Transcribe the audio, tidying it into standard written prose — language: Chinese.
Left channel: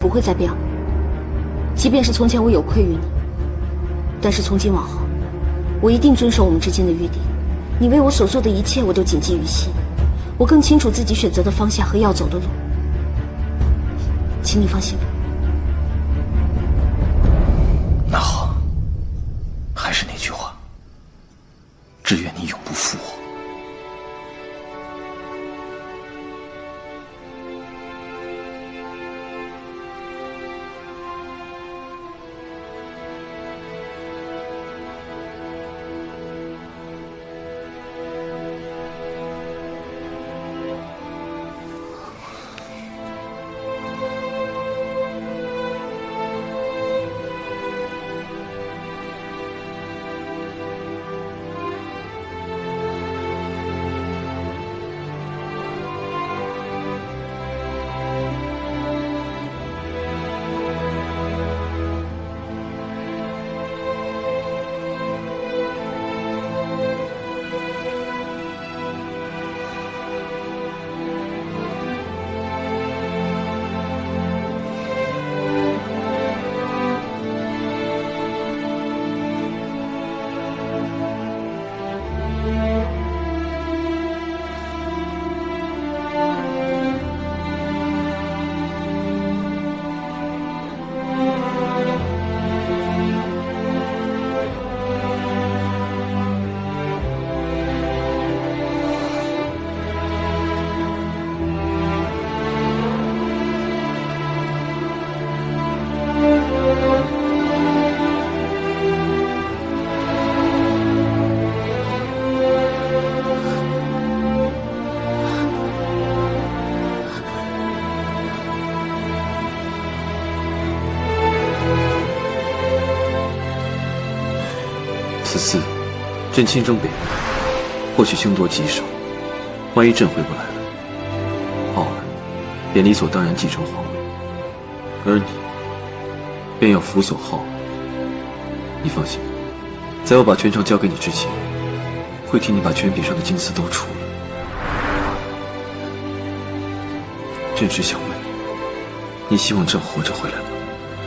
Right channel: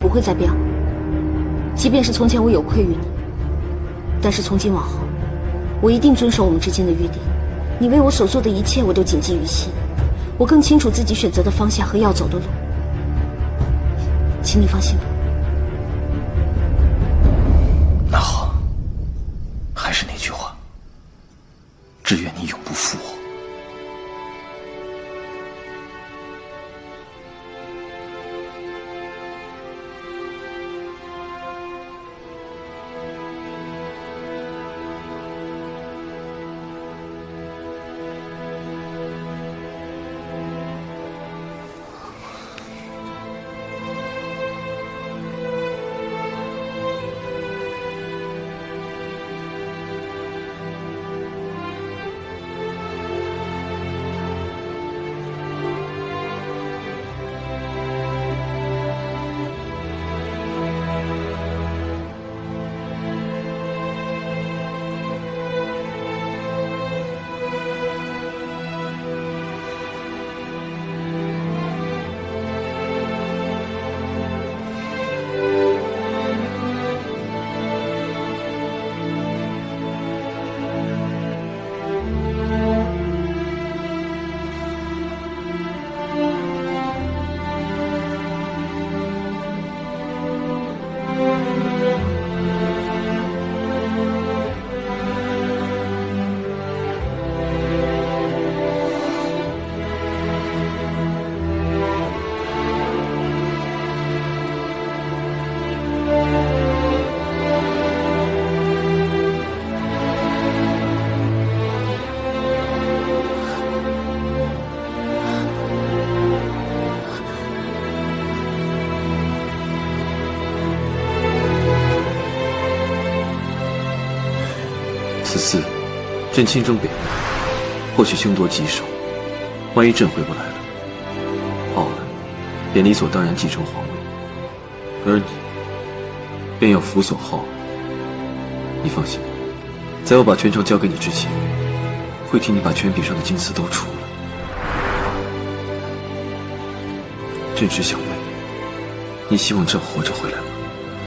不会再变了。即便是从前我有愧于你，但是从今往后，我一定遵守我们之间的约定。你为我所做的一切，我都谨记于心。我更清楚自己选择的方向和要走的路，请你放心吧。那好，还是那句话，只愿你永不负我。此次朕亲征北域，或许凶多吉少。万一朕回不来了，浩儿便理所当然继承皇位，而你便要辅佐浩儿。你放心，在我把权杖交给你之前，会替你把权柄上的金丝都除了。朕只想问，你希望朕活着回来吗？